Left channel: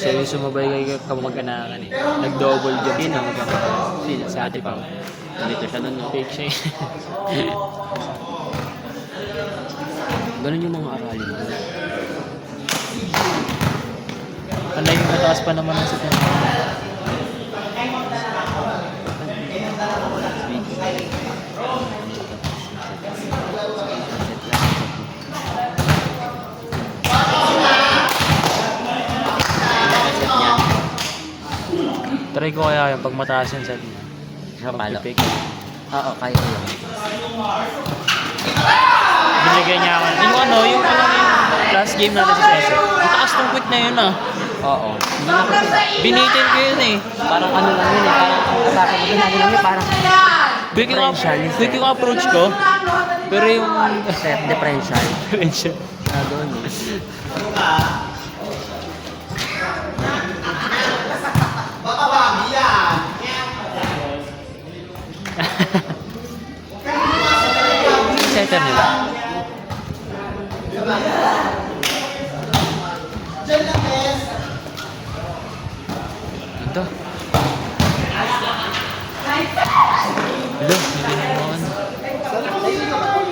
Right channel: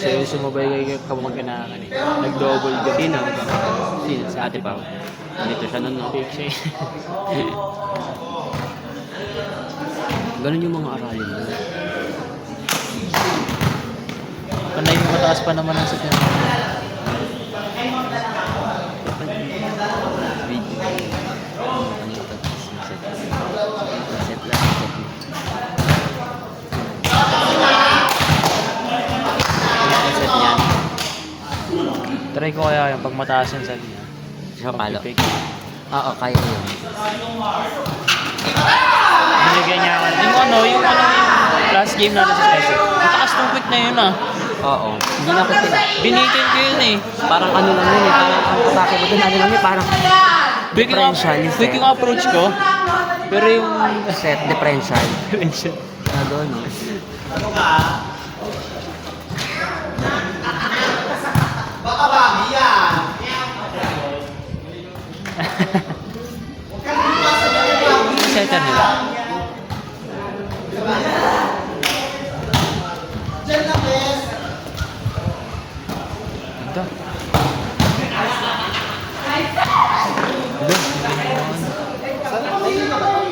So, sumabay kayo kamag-anakan eh. Nag-double job. Sino? Sa ate pa. Hindi ko siya nun. Fake siya. Ganun yung mga aralin mo. Panay yung mataas pa naman ang sa tiyan. Try ko kaya yung pag mataas yung set niya. Palo. Pag-pick. Oo, kaya ko yun. Binigay niya yung last game natin sa set. Ang taas ng quick na yun ah. Oo. Hindi na ko Binatin ko yun eh. parang ano lang yun eh. Parang ang atake ko dun, ano lang yun, parang Quick yung approach ko. Pero yung set differential. differential. Nagawin eh. Baka bagay yan. Setter nila. Diyan lang, Bes. Ito. Ito, hindi naman.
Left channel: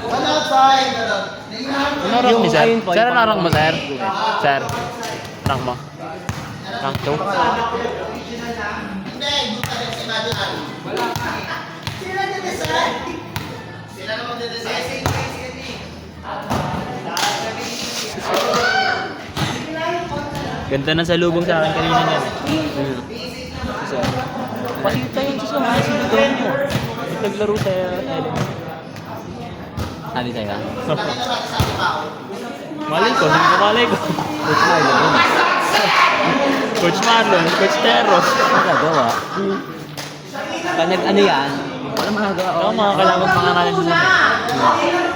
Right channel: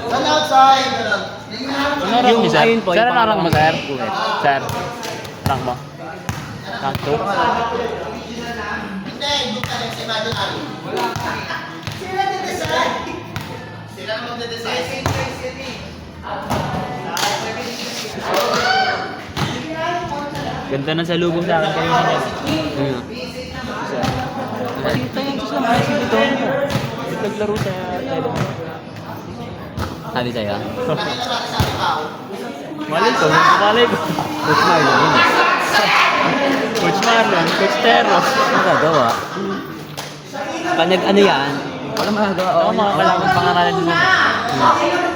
One outside. Ano rank ni sir? Ayun po, Sir, yung ano rank mo sir? pang- Sir, rank mo? Rank 2? Hindi, good ka rin sa imaginary. Sila nag-design. Sila naman nag-design. Ganda na sa lubong sa akin kanina niyan. Sir. Pakita yun sa mga sinundan niyo. Ba't naglaro sa Sabi sa'yo. Malay ko, malay ko. Coach Marlon yun. Coach Marlon, Coach Teros. Magagawa. Pag nag-ano yan, wala magagawa. Oo, mga kalaban pa nga natin muna.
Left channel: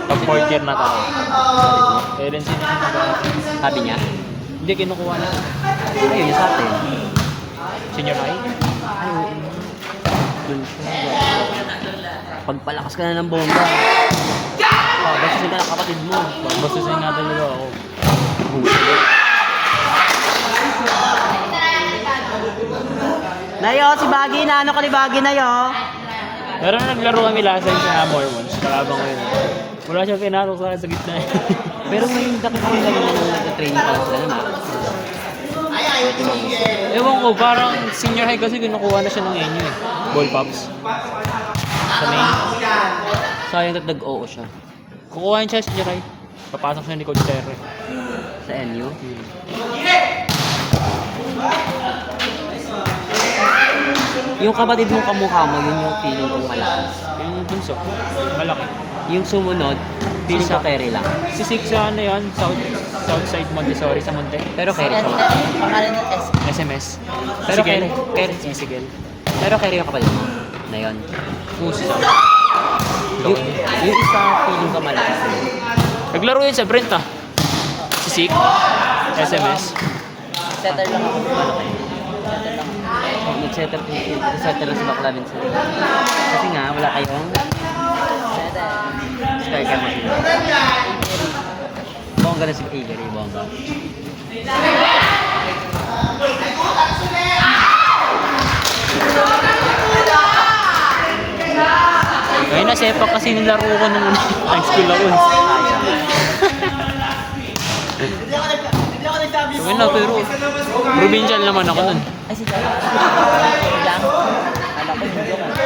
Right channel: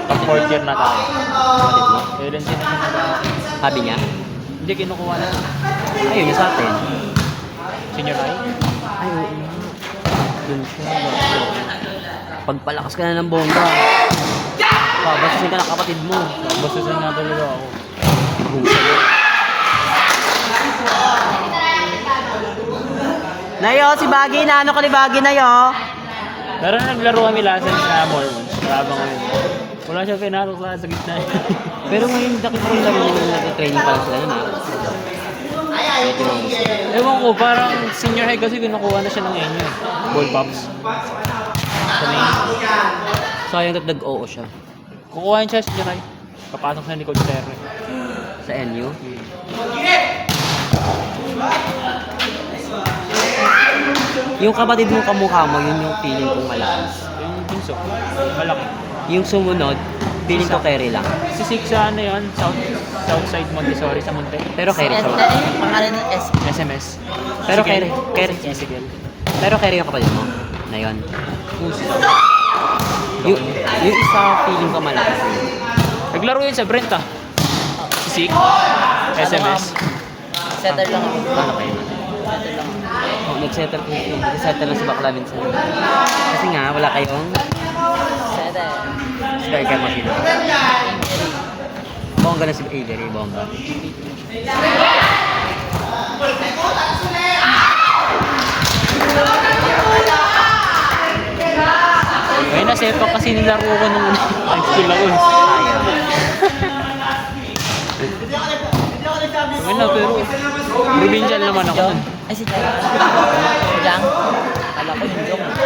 Pag quarter na tayo. Kaya din sino yung Sabi niya, hindi kinukuha na. ayun, yung sa atin. Senior high? Yun siya. Pagpalakas ka na ng bomba. Basta sila ng kapatid mo. Basta sa nga talaga ako. Nayo, si Baggy, na ano ka ni Baggy, Nayo? Pero naglaruan nila sa Sinamo yun. Kalabang wala siya pinasok sa gitna. Pero ngayon, nakita ko lang yung nag-training pala sila yun eh. Ewan ko, parang senior high kasi kinukuha na siya ng ball pops. Sa main. Sayang at nag-oo siya. Kukuha siya senior high. Papasok siya ni Coach Terro. Sa NU. Yung kapatid mong kamukha mo, yun yung feeling kong malakas. Yung bunso, malaki. Yung sumunod, feeling ko carry lang. Si Six sa ano yun, Southside Montessori sa Monte. Pero carry siya. SMS. Pero Sigel. carry. Sigel. Pero carry yung kapatid mo. Na yun. Puso. Yung isa feeling ko malakas. Naglaro yun sa Brent ah. Si Six. SMS. Setter lang. Nag-setup lang sa bakla minsan. Kasi nga, wala kayong Setter. striker machine. Bongga na si Avery, bongga. Ay, nasepa kasi nilaro ko nung ang skill ako eh. Sabi na, pero provincial naman ako nun. Ay, si Setter. Lang. Alam ko yung joke.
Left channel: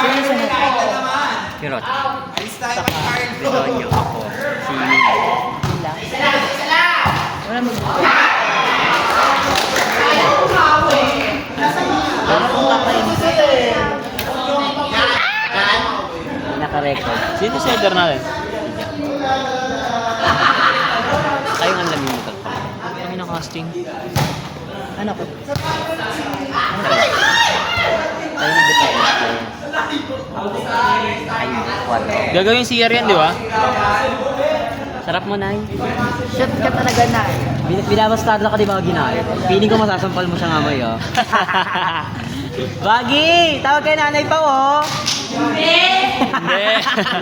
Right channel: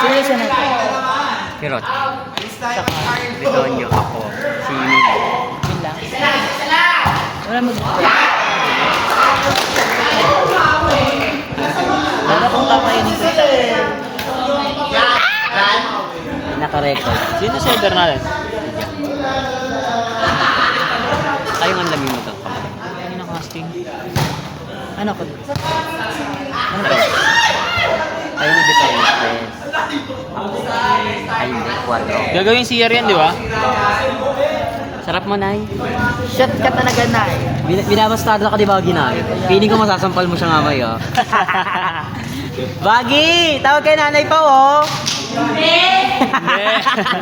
Sino yung sunod? Pirot. Bidonyo ako. Si Nino. Yun lang. Wala mo. Naka-record. Sino yung center natin? Ayun ang lamin mo to. Ano na casting? Ano ko? Ayun ang defense. Ayun, quad. Gagawin CR yan, di ba? Sarap mo, Nay. Shot ka talaga na eh. Binabastado ka di ba ginaya? Piling ko masasampal mo siya mamay, oh. Baggy! Tawag kay nanay pa, oh! Hindi.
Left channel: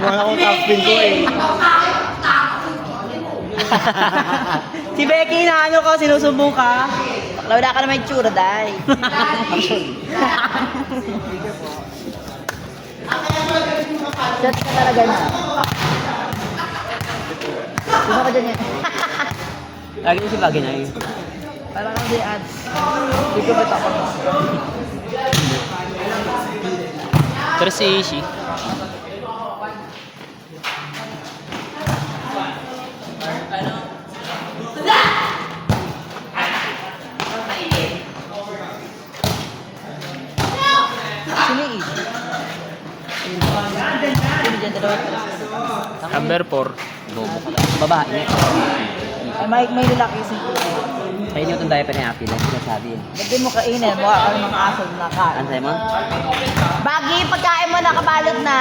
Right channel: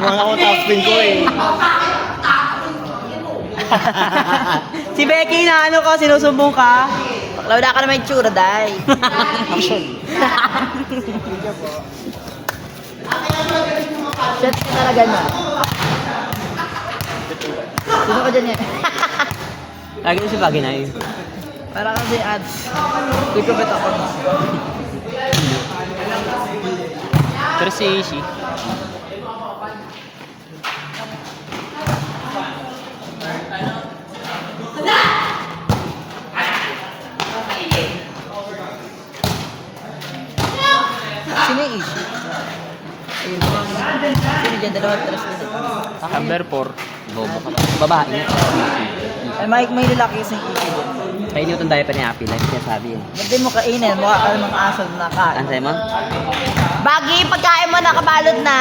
Wala ko top spin ko eh. Si Becky na ano ko, sinusumbong ka. Wala ka naman yung tsura, day. Shot ka talaga niya. Sino ka dyan yan? Lagi na si Bagay na yun. Para kang may ads. Hindi ko ba't ako? Pero si Ishi. Sino yung issue? Sino dyan? Dalawa at tres na dyan. Number 4. Bobo ka lang. Babae. Ay, may lalaki sa issue dyan. Kaya niyo itong diaper ni Api, like sinasabi yun. Hindi mo kainin. Mukha ka ng aso na ka. Ansay mo? Bagi, pagkain mo na, kabalot na.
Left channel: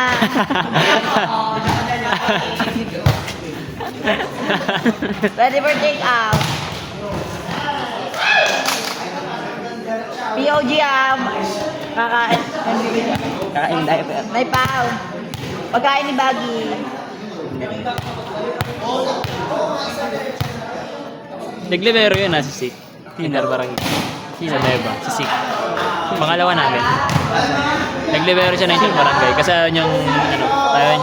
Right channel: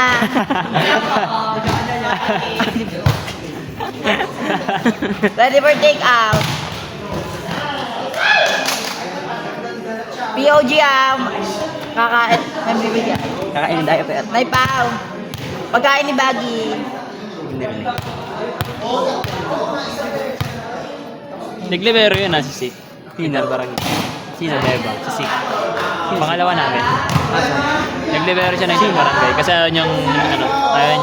Ready for take out. POG kakain. Kakain ng diaper. Naipaw. Pagkain ni Bagi. Naglibero yun si Sik. Tinder barangay. Sino? Beba, si Sik. Pangalawa namin. Naglibero siya ng barangay kasi ayaw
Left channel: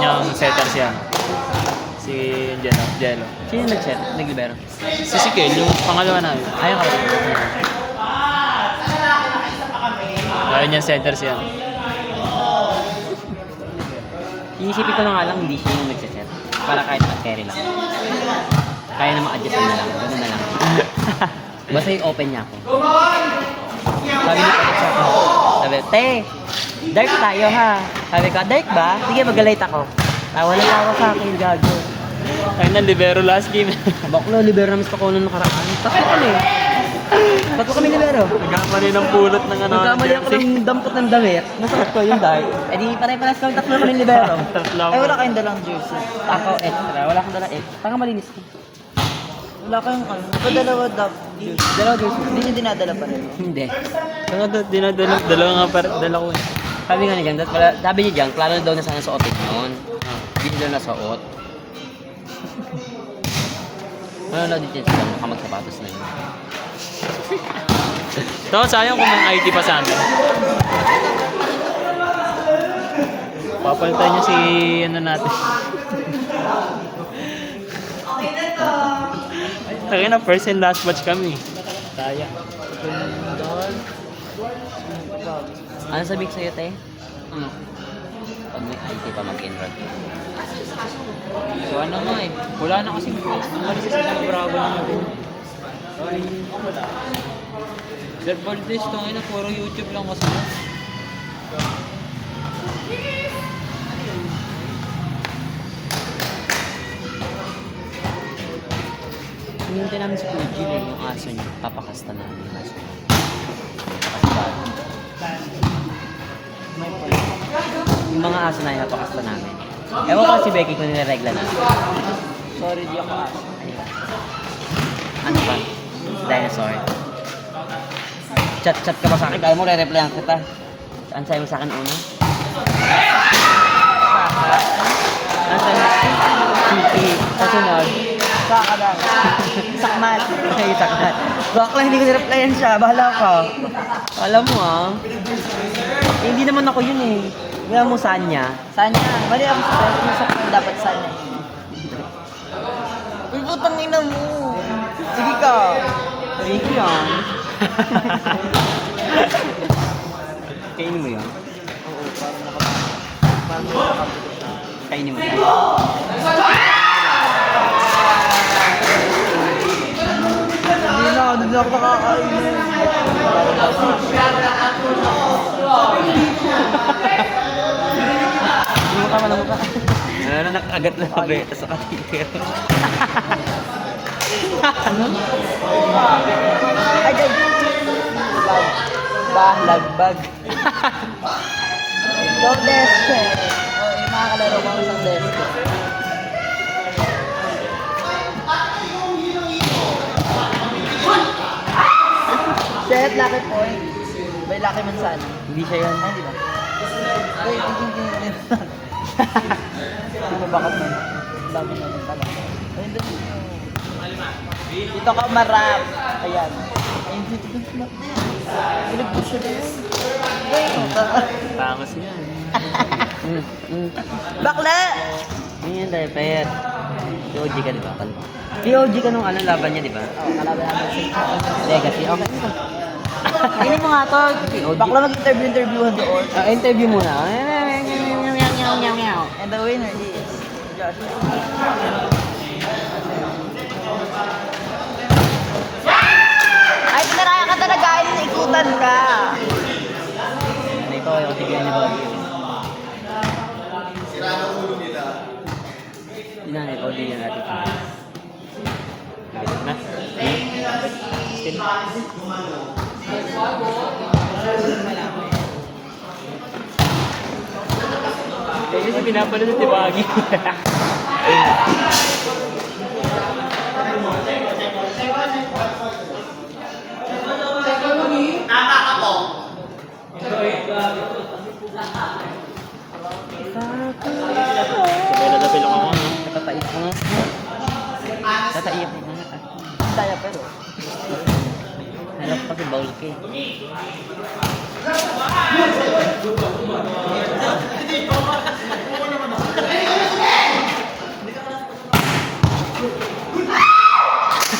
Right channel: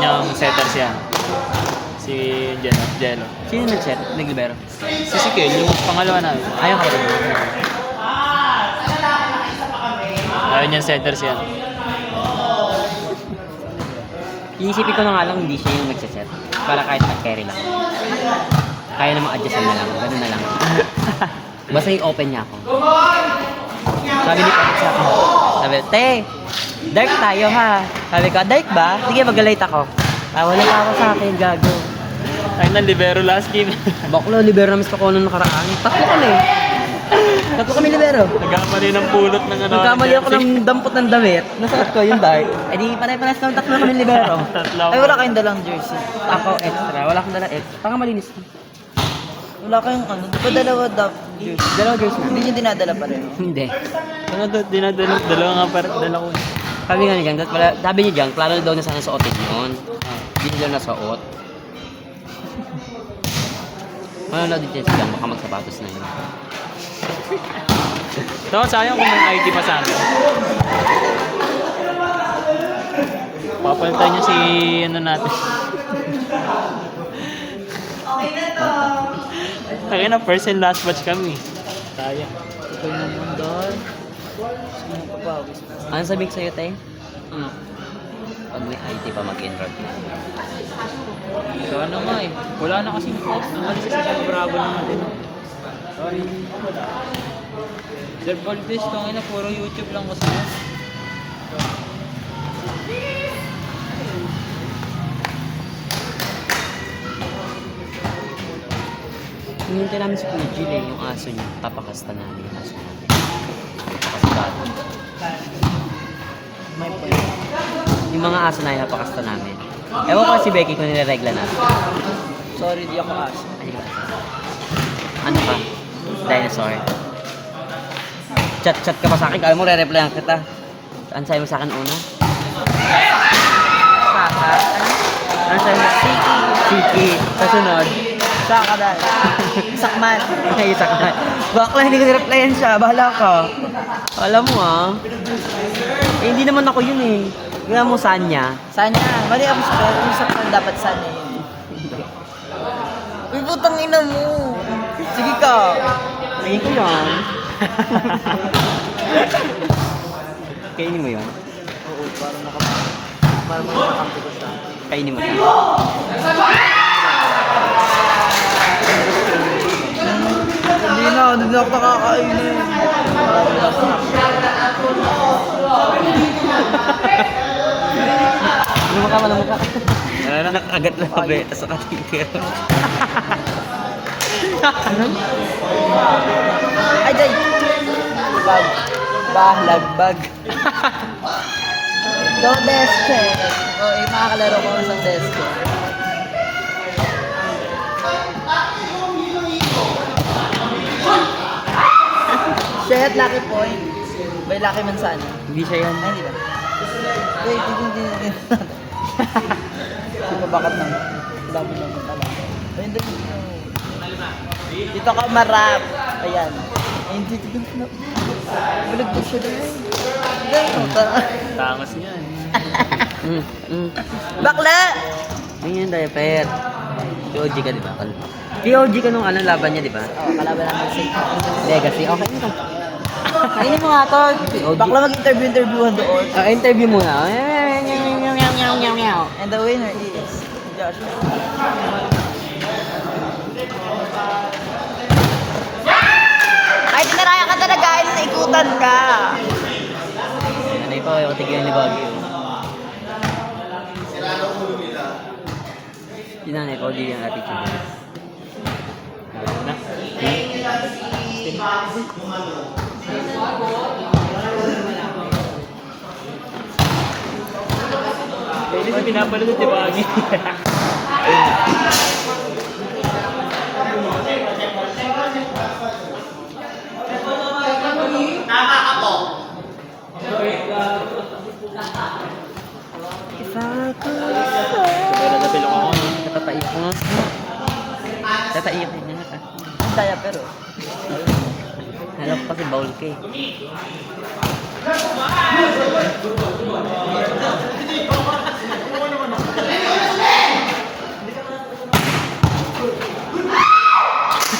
niyang setter siya. Si Jello. Sino nag-set? Naglibero? Si Sik yung pangalawa namin. Ayaw kayo. Ayaw niyang setter siya. Iisipin ko na nga lang, hindi siya yung nagsiset. Para kahit carry lang. Kaya namang adjust na lang. Ganun na lang. Basta yung open niya ako. Sabi ni Patrick sa akin. Sabi, te, dark tayo ha. Sabi ko, dark ba? Sige, mag-light ako. Wala ka ako sa akin, gago. Ang libero last game. Baklo, libero na miss ko nung nakaraan. Tatlo kami. Tatlo kami libero. Nagkamali ng pulot ng Nagkamali ako ng dampot ng damit. Nasuot ko yung dark. Eh di pare-pares kami tatlo kami libero. Ay, wala kayong dalang jersey. Ako extra. Wala akong dala extra. Panga malinis ko. Wala kayong ano. Ito dalawa jersey. Dalawa jersey. Hindi nyo dinadala pa rin. Hindi. Dalawa nga dala ko. Sabi nga niya, sabi niya dyan, klaro daw na sana suotin yun. Hindi daw nasuot. Ano na dito siya, baka magsapatos na yun. No, sayang kung may ID pa sana. Papalitan niya si natin. Taki na, first and last batch kami. Sayang. Ano sabi ko sa'yo, Tay? Pag may IT pa mag-enroll. So ano nga eh. Wala na kasing coach. Ang galing kasi nag-bravo na natin. Sir Valdez, tangin na puro YouTube lang kasi. Hinintay namin si Kuya Jill yung aso niya. Papakasta namin yung aso niya. Papakasta. Yung mga aso na yun, napakasta namin. Ewan ko si Becky kung nilaregla namin. Sorry, di ako aso. Ano ba? Dinosaur. Chat ka pa sa akin. Alam mo, re-replyan kita. Ano sabi mo sa akin una? Ano sabi mo? Chiki. Kasunod. Saka dahil. Sakman. Sakman. Bakla, hindi ko nireplyan siya. Bahala ka. Alam mo eh, hindi naman ako yun eh. Alam mo saan niya? Sanya. Mali ako sa yung sakman dapat sanya. Uy, putang ina mo. Sige ka. Hindi ko yan. Kainin mo yun? Kainin mo yun? Hindi na ako kakainin. Hindi mo ka malamang ka. Ano na? Agad mo mabeta sa katito. Ay, day. Lagbag. Yung desk eh. O, yung mga kalaro ko sa desk eh. Shit, lucky point. May lucky man saan? Hindi siya yan. Ay, di ba? Wait, hindi. Di ba bakit na? Bakit na pala? Ay, hindi. Dito ka marap. Ayan. Ayun, dito na. Nagpo siya doon. Tangos niyan. Bakla! Ganyan tayo, pet. POG ka, di ba? POG ka nung anong laban niya, di ba? Kalaban natin si Legacy, okay. Hindi mo nga to. POG. Bakla mag-interview doon. Interview muna. And the winner is Josh. Ay, pinaraya ka talaga. Ay, naikutan ka. Ano ito, yung tigyan ni Baguio. Yun na, POG yung attitude. Na? Kaya kasi pinapanood si Bagi. Sabay na napilok ako, no? Tataiyak mo nga. Tataiyak mo nga. Saya pero. Hanap pa si Baul K.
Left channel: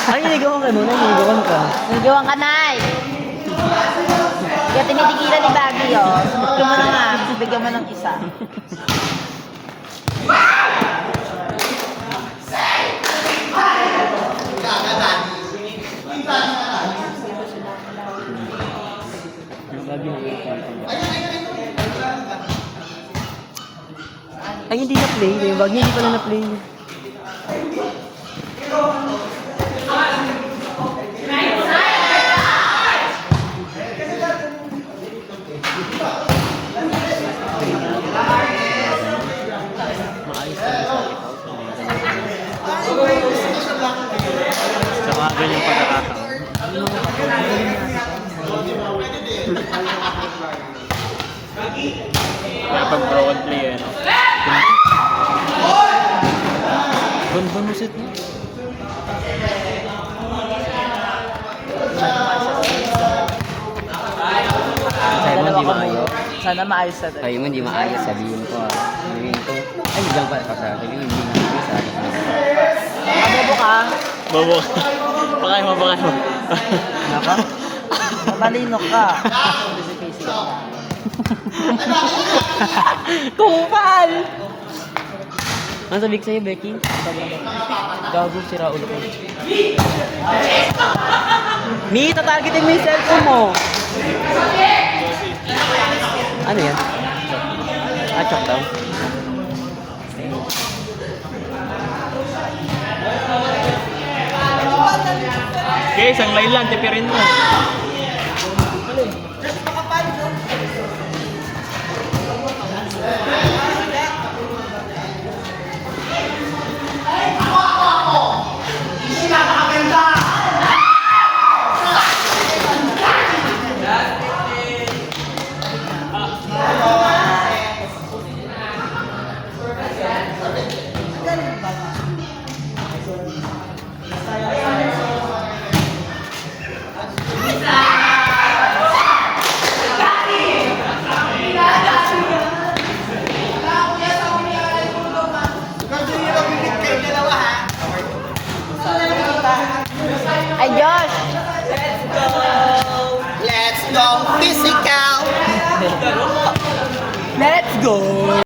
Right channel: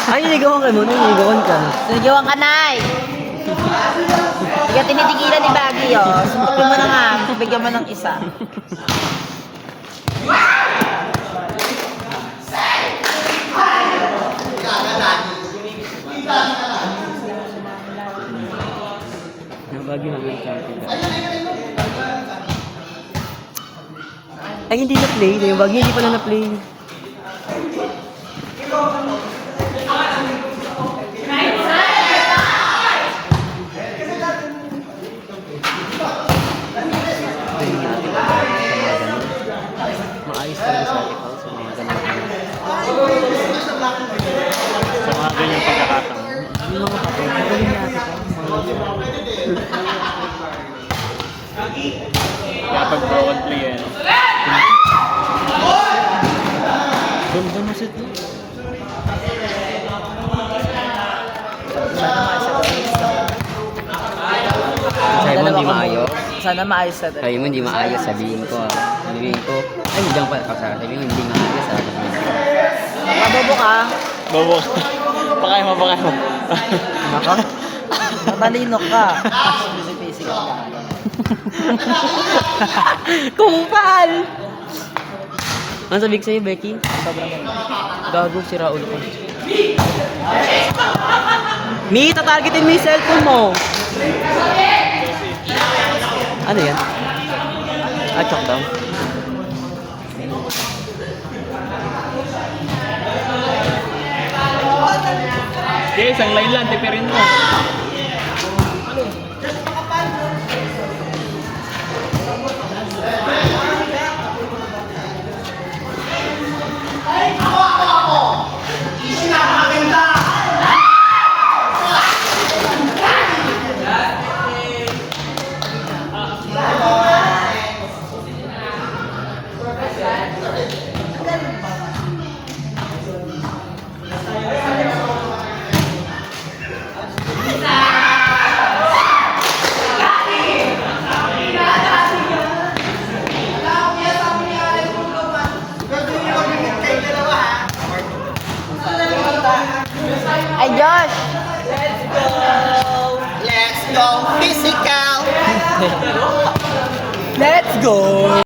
Ay, niligawan ka nun. Niligawan ka. Nagawan ka, Nay. Kaya tinitigilan ni Baggy, oh. Subukin mo na nga. Bigyan mo ng isa. Ang bagay na wait. Ay, hindi na-play. Yung bagay hindi pala na-play. Maayos talaga sa ikaw. Sa mga ganyang pagkakataon. Kapag broad play, ano? Ganda mo set mo. Sabi mo hindi maayos. Sana maayos na Sabi mo hindi maayos. Sabihin ko. Sabihin ko. Ay, diyan pa. Sabihin hindi maayos. Bobo ka. Bobo. Pakay mo, pakay mo. Matalino ka. Busy-busy. Kupal! Ano sabi ko sa'yo, Becky? Gago, sira ulo ko. Mi, tatargetin mo yung cellphone mo! Ano yan? Ah, chok down. Okay, isang line lang, tipirin mo. Ay, Josh! Let's go physical! Let's go!